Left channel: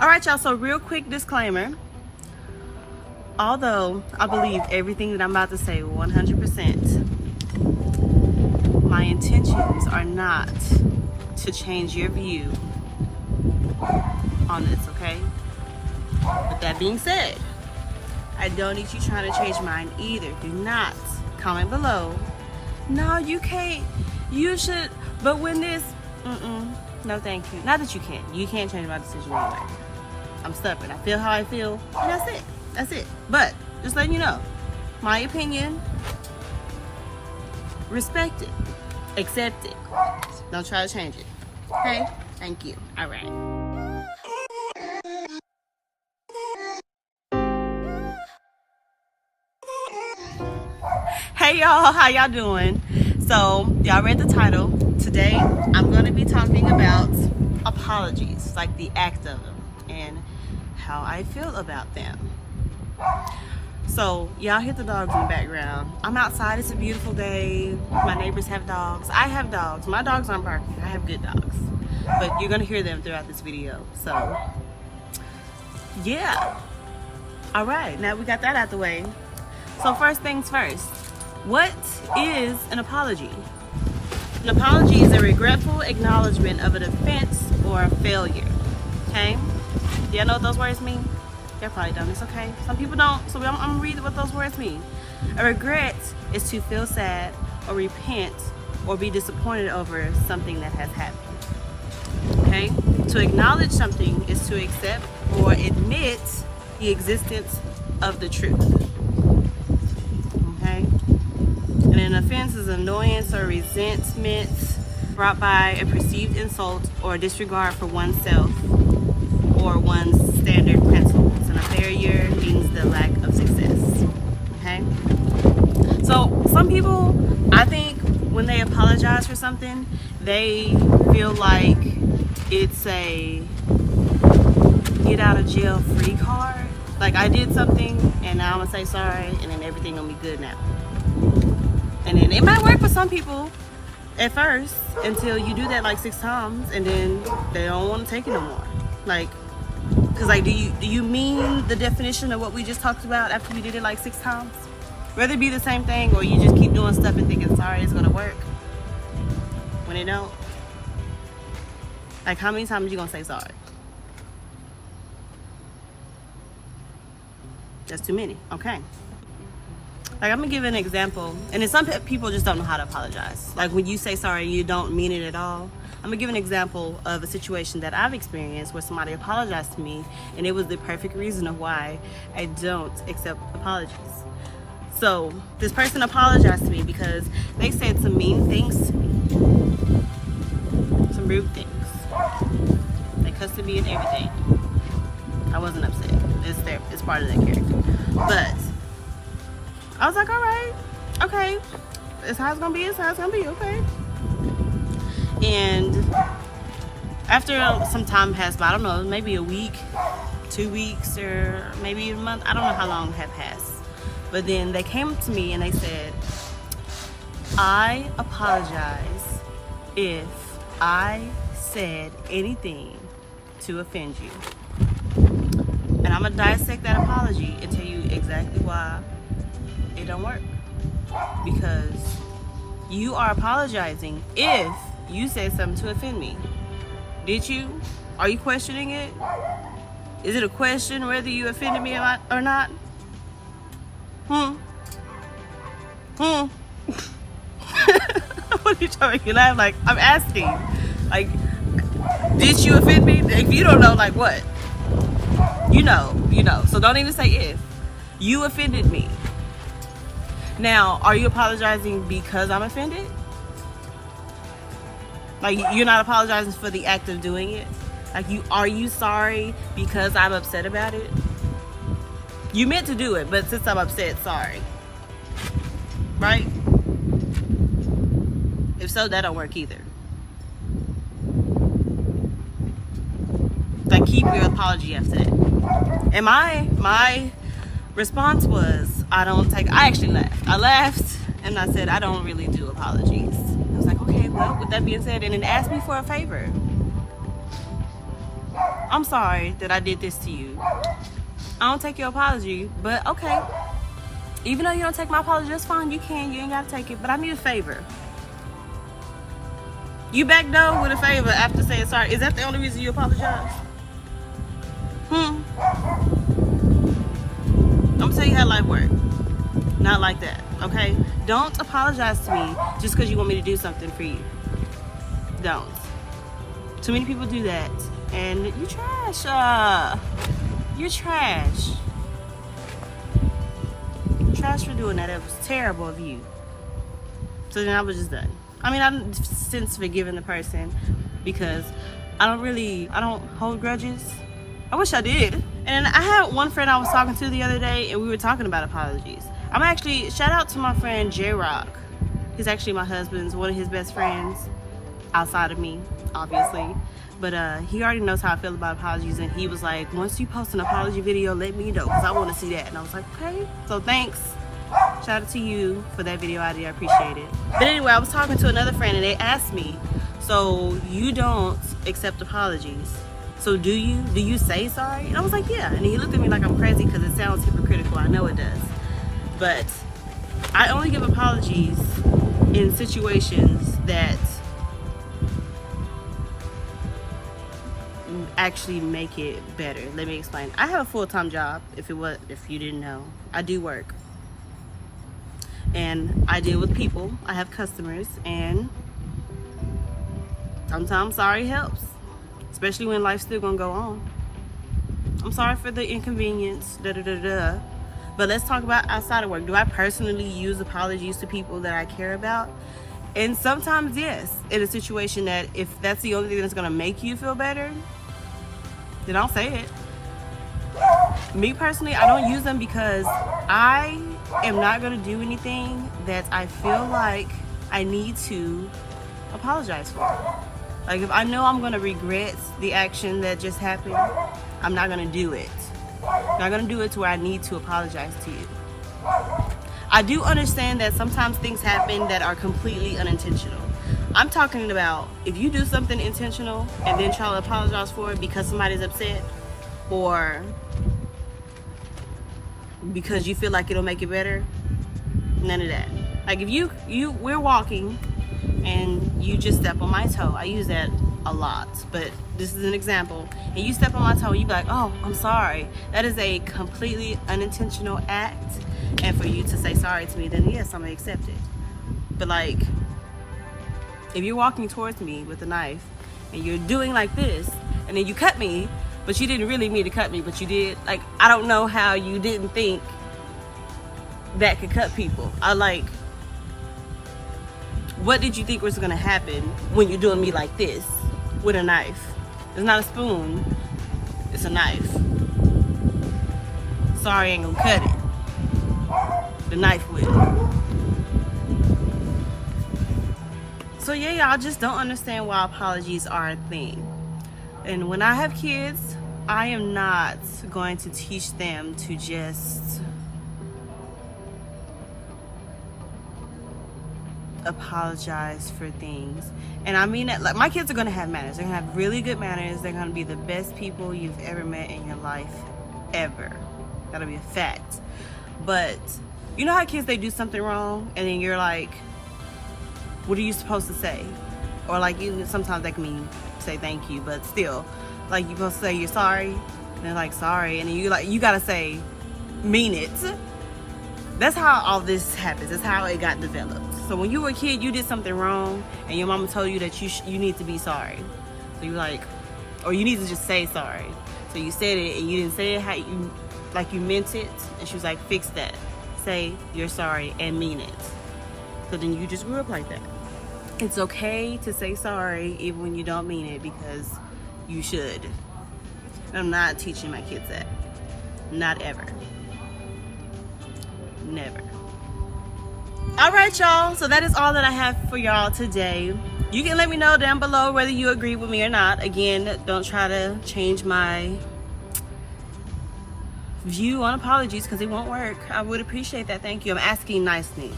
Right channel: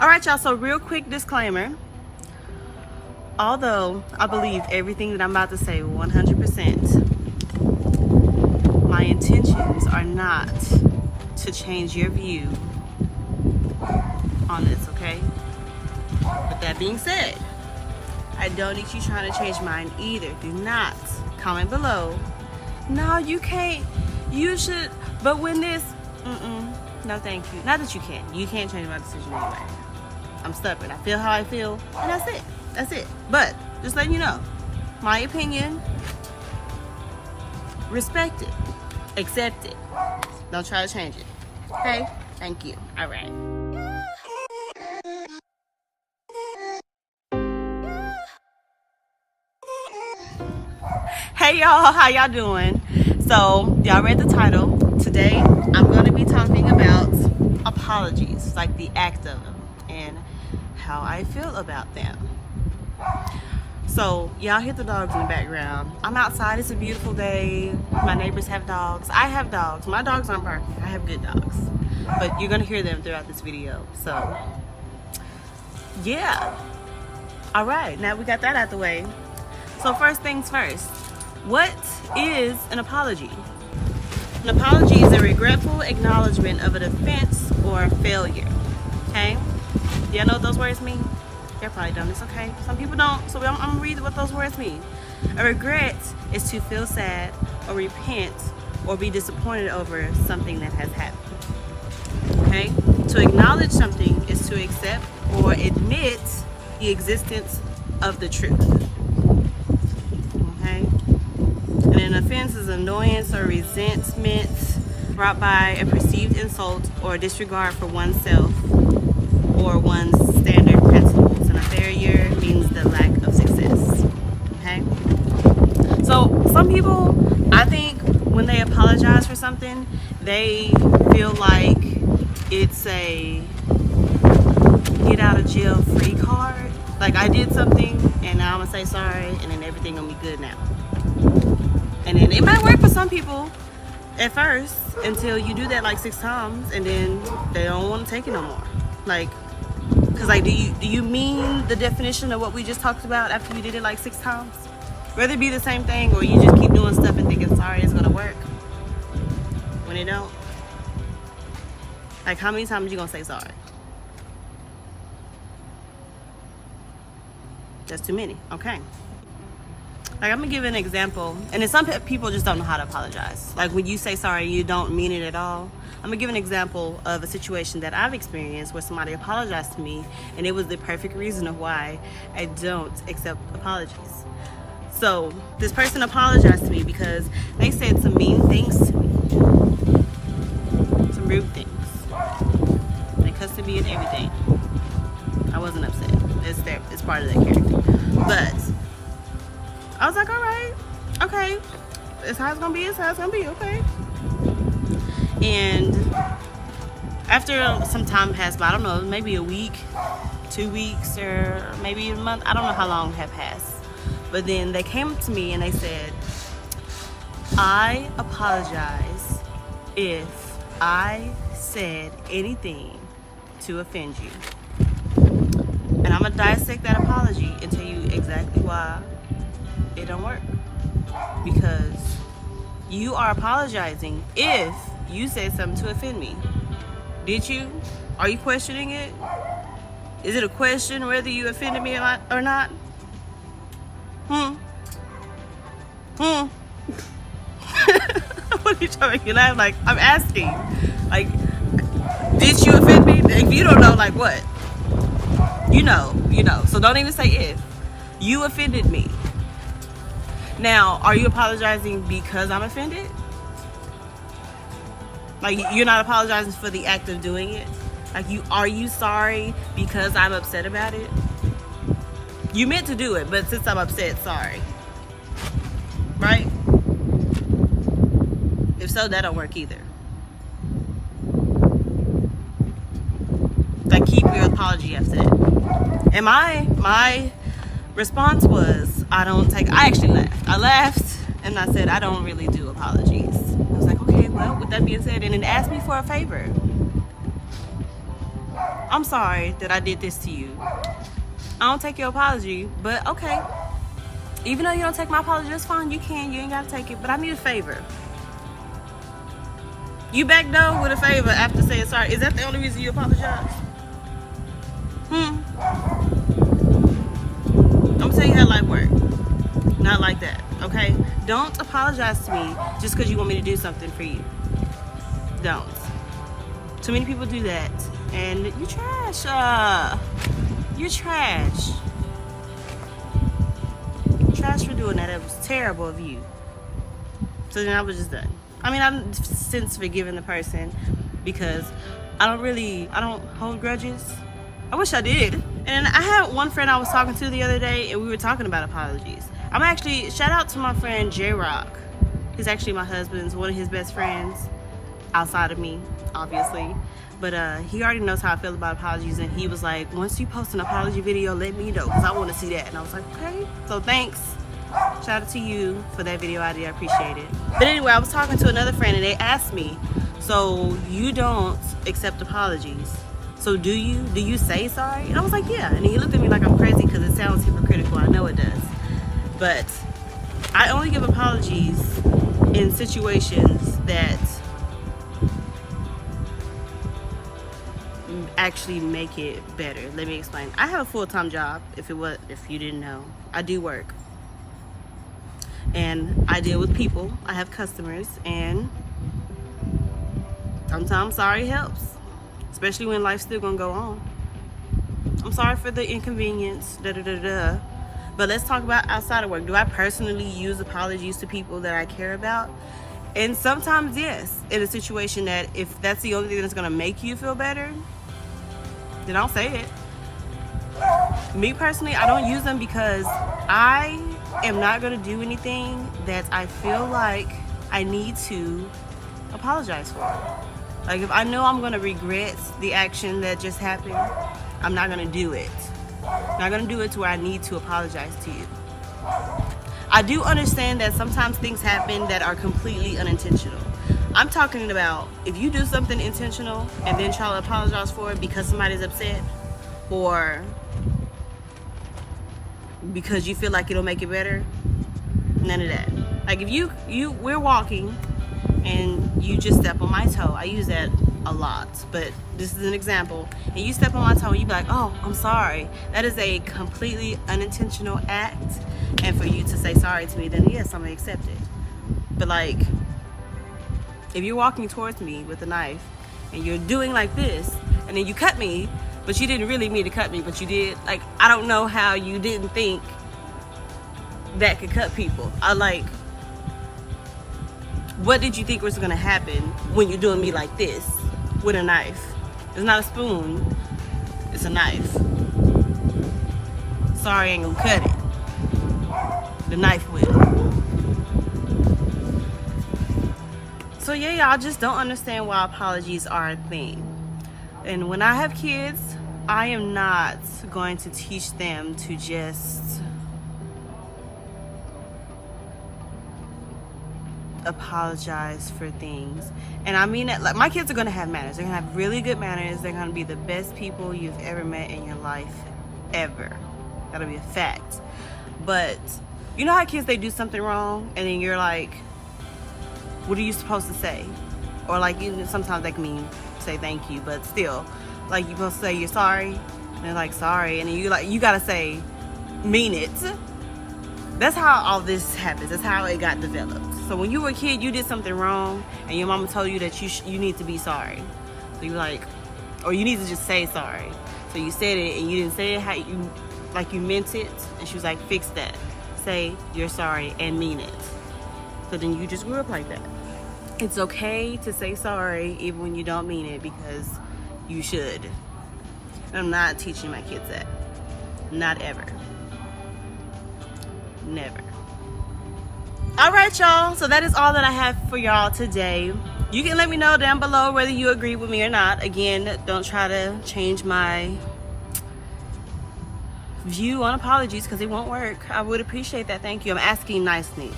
All right, y'all, so real quick disclaimer. Although I believe everything that I'm about to say 100%, my intentions are not to change your view on this, okay? With that being said, I don't need you trying to change mine either. Do not comment below. No, you can't. You should. But when this, no thank you. Not that you can't. You can't change my decision anyway. I'm stubborn. I feel how I feel, and that's it. That's it. But just letting you know, my opinion, respect it, accept it. Don't try to change it. Okay? Thank you. All right. Hey y'all, how y'all doing? So y'all read the title. Today I'm going to be talking about apologies, like the act of them and how I feel about them. So y'all hear the dogs in the background. I'm outside. It's a beautiful day. My neighbors have dogs. I have dogs. My dogs aren't barking. I have good dogs, but you're gonna hear them throughout this video. So yeah. All right, now we got that out the way. So first things first, what is an apology? An apology is a regretful acknowledgement of an offense or a failure. Okay? Do y'all know what those words mean? Y'all probably don't. It's okay. Some people don't. So I'm gonna read what those words mean. A regret is to feel sad or repent or be disappointed over something that has happened. Okay? To acknowledge something is to accept or admit the existence of the truth. Okay? And an offense is annoyance or resentment brought by a perceived insult or disregard for oneself or one's standard principles. And a failure means the lack of success. Okay? So some people, I think when they apologize for something, they feel like it's a get out of jail free card. Like, I did something and now I'm gonna say sorry and then everything gonna be good now. And then it might work for some people at first until you do that like 6 times and then they don't want to take it no more. Like, cause like, do you mean the definition of what we just talked about after you did it like 6 times? Whether it be the same thing or you just keep doing stuff and thinking sorry it's gonna work when it don't. Like, how many times are you gonna say sorry? That's too many. Okay. Like, I'm gonna give an example, and then some people just don't know how to apologize. Like, when you say sorry, you don't mean it at all. I'm gonna give an example of a situation that I've experienced where somebody apologized to me, and it was the perfect reason of why I don't accept apologies. So, this person apologized to me because they said some mean things to me, some rude things. They cussed at me and everything. I wasn't upset. It's part of their character. But I was like, all right, okay. It's how it's gonna be, it's how it's gonna be, okay. And after some time passed by, I don't know, maybe a week, 2 weeks, or maybe a month, I don't know how long had passed. But then they came to me and they said, I apologize if I said anything to offend you. And I'm gonna dissect that apology and tell you exactly why it don't work. Because you are apologizing if you said something to offend me. Did you? Are you questioning it? Is it a question whether you offended me or not? What are you trying to make you laugh? Like, I'm asking. Like, did you offend me? If you don't know, like, what? You know. So don't even say if. You offended me. Now, are you apologizing because I'm offended? Like, you're not apologizing for the act of doing it? Like, are you sorry because I'm upset about it? You meant to do it, but since I'm upset, sorry. Right? If so, that don't work either. Like, keep your apology after that. And my response was, I actually laughed. I laughed and I said, I don't really do apologies. I was like, okay, well, with that being said, and then asked me for a favor. I'm sorry that I did this to you. I don't take your apology, but okay. Even though you don't take my apology, that's fine. You can. You ain't got to take it. But I need a favor. You back door with a favor after saying sorry. Is that the only reason you apologize? I'm gonna tell you how life works. Not like that, okay? Don't apologize to me just because you want me to do something for you. Don't. Too many people do that. And you trash. You're trash. Trash for doing that. It was terrible of you. So then I was just done. I mean, I've since forgiven the person because I don't hold grudges. I wish I did. And I had one friend I was talking to the other day, and we were talking about apologies. I'm actually, shout out to my friend J-Rock. He's actually my husband's, one of his best friends, outside of me, obviously. But he already knows how I feel about apologies, and he was like, once you post an apology video, let me know, because I want to see that. And I was like, okay. So thanks. Shout out to you for that video idea. I appreciate it. But anyway, I was talking to another friend, and they asked me, so you don't accept apologies? So do you? Do you say sorry? And I was like, yeah. And he looked at me like I'm crazy because it sounds hypocritical. I know it does. But I only give apologies in situations that actually make it better. Let me explain. I have a full-time job, if you didn't know. I do work. And I deal with people. I have customers, and sometimes sorry helps. Especially when life's still gonna go on. I'm sorry for the inconvenience, But let's talk about outside of work. Do I personally use apologies to people that I care about? And sometimes, yes. In a situation that if that's the only thing that's gonna make you feel better, then I'll say it. Me personally, I don't use them because I am not gonna do anything that I feel like I need to apologize for. Like, if I know I'm gonna regret the action that just happened, I'm not gonna do it. I'm not gonna do it to where I need to apologize to you. I do understand that sometimes things happen that are completely unintentional. I'm talking about if you do something intentional and then try to apologize for it because somebody's upset or because you feel like it'll make it better, none of that. Like, if we're walking and you just step on my toe. I use that a lot, but this is an example. And you step on my toe and you be like, oh, I'm sorry. That is a completely unintentional act. And for you to say sorry to me, then yes, I'm gonna accept it. But like, if you're walking towards me with a knife and you're doing like this, and then you cut me, but you didn't really mean to cut me, but you did. Like, I don't know how you didn't think that could cut people. What did you think was gonna happen when you're doing me like this with a knife? It's not a spoon, it's a knife. Sorry ain't gonna cut it. The knife will. So yeah, y'all just don't understand why apologies are a thing. And when I have kids, I am not going to teach them to just apologize for things. And I mean that, like, my kids are gonna have manners. They're gonna have really good manners. They're gonna be the best people you've ever met in your life, ever. That'll be a fact. But you know how kids, they do something wrong and then you're like, what are you supposed to say? Or like, sometimes that can mean say thank you, but still, like, you're supposed to say you're sorry, and they're like, sorry, and then you gotta say mean it. That's how all this happens. That's how it got developed. So when you were a kid, you did something wrong and your mama told you that you need to be sorry. So you're like, or you need to just say sorry. So you said it and you didn't say it how you meant it, and she was like, fix that. Say you're sorry and mean it. So then you just grew up like that. It's okay to say sorry even when you don't mean it, because you should. I'm not teaching my kids that. Not ever. Never. Alright, y'all, so that is all that I have for y'all today. You can let me know down below whether you agree with me or not. Again, don't try to change my view on apologies because it won't work. I would appreciate that. Thank you. I'm asking nicely.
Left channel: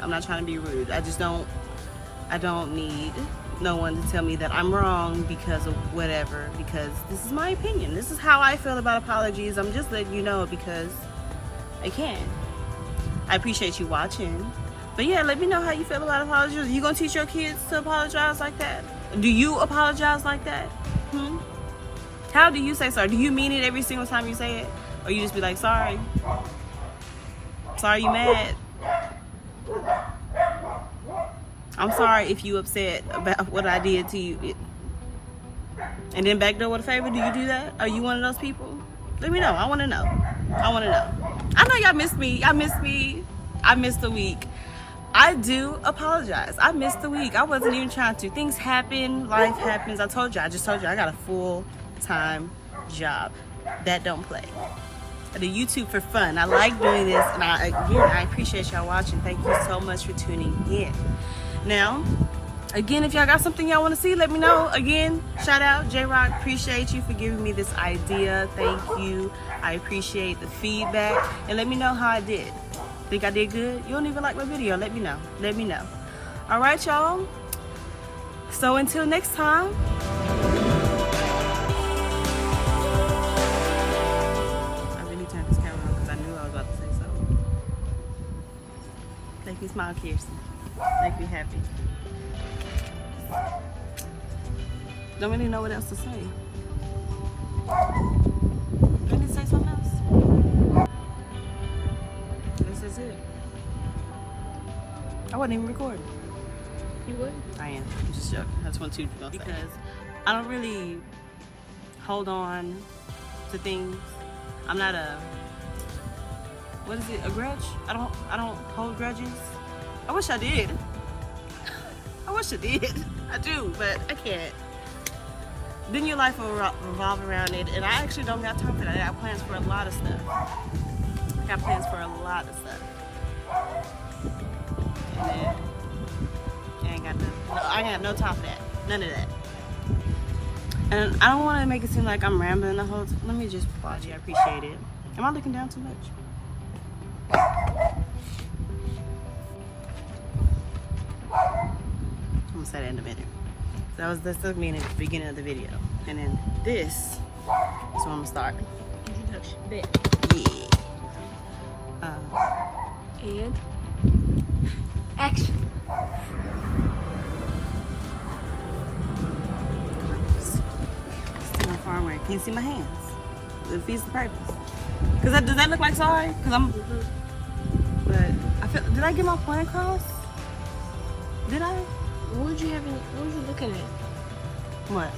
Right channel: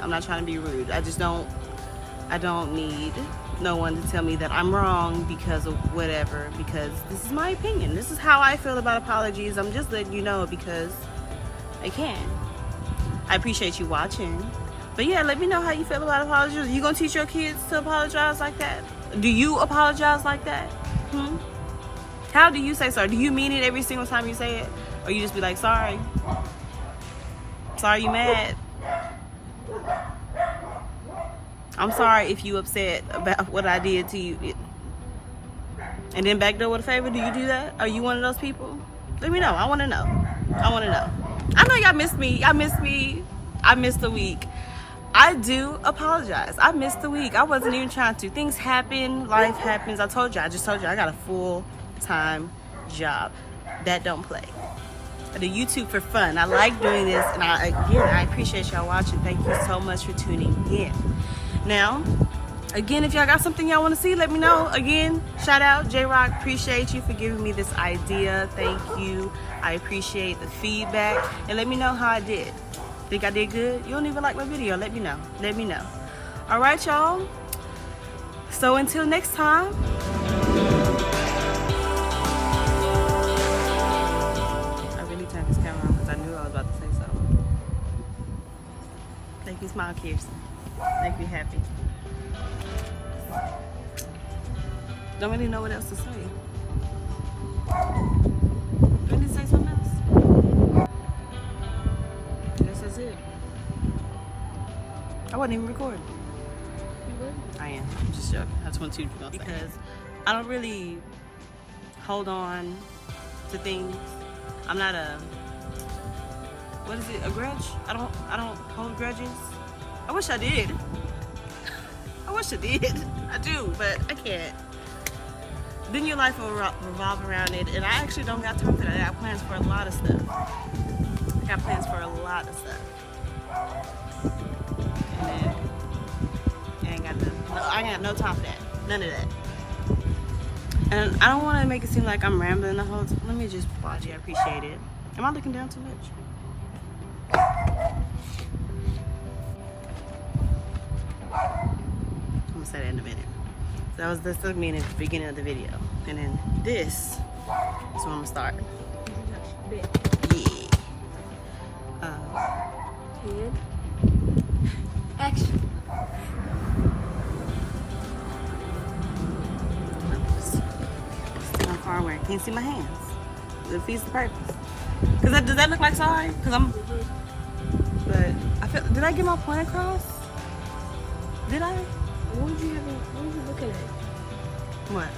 I'm not trying to be rude. I don't need no one to tell me that I'm wrong because of whatever, because this is my opinion. This is how I feel about apologies. I'm just letting you know because I can. I appreciate you watching. But yeah, let me know how you feel about apologies. Are you gonna teach your kids to apologize like that? Do you apologize like that? How do you say sorry? Do you mean it every single time you say it? Or you just be like, sorry? Sorry you mad? I'm sorry if you upset about what I did to you. And then backdoor with a favor, do you do that? Are you one of those people? Let me know. I want to know. I want to know. I know y'all missed me. Y'all missed me. I missed the week. I do apologize. I missed the week. I wasn't even trying to. Things happen. Life happens. I just told you I got a full-time job. That don't play. I do YouTube for fun. I like doing this. And I appreciate y'all watching. Thank you so much for tuning in. Now, again, if y'all got something y'all want to see, let me know. Again, shout out J-Rock. Appreciate you for giving me this idea. Thank you. I appreciate the feedback. And let me know how I did. Think I did good? You don't even like my video. Let me know. Let me know. All right, y'all. So until next time. I really turned this camera on because I knew I was about to say something. Make me smile, Kirsten. Make me happy. Don't really know what else to say. Do I need to say something else? That's it. I wasn't even recording. You would? I am. I'm just joking. I just want to know because I don't really hold on to things. I'm not a, what is it? A grudge? I don't hold grudges. I wish I did. I wish I did. I do, but I can't. Then your life will revolve around it, and I actually don't got time for that. I got plans for a lot of stuff. I got plans for a lot of stuff. And then I ain't got no time for that. None of that. And I don't want to make it seem like I'm rambling the whole time. Let me just apologize. I appreciate it. Am I looking down too much? I'm gonna say that in a minute. That's what I mean at the beginning of the video. And then this is where I'm gonna start. Yeah. And action. I'm far away. Can't see my hands. It defeats the purpose. Does that look like sorry? But did I get my point across? Did I? What was you looking at? What?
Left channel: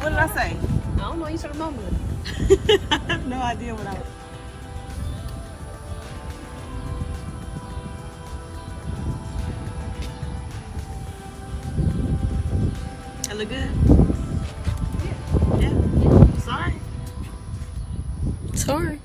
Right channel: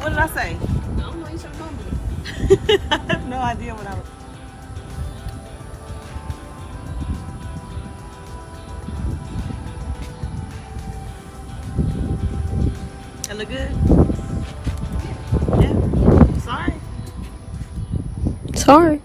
What did I say? I don't know, you started mumbling. I have no idea what I was. That look good? Yeah. Sorry. Sorry.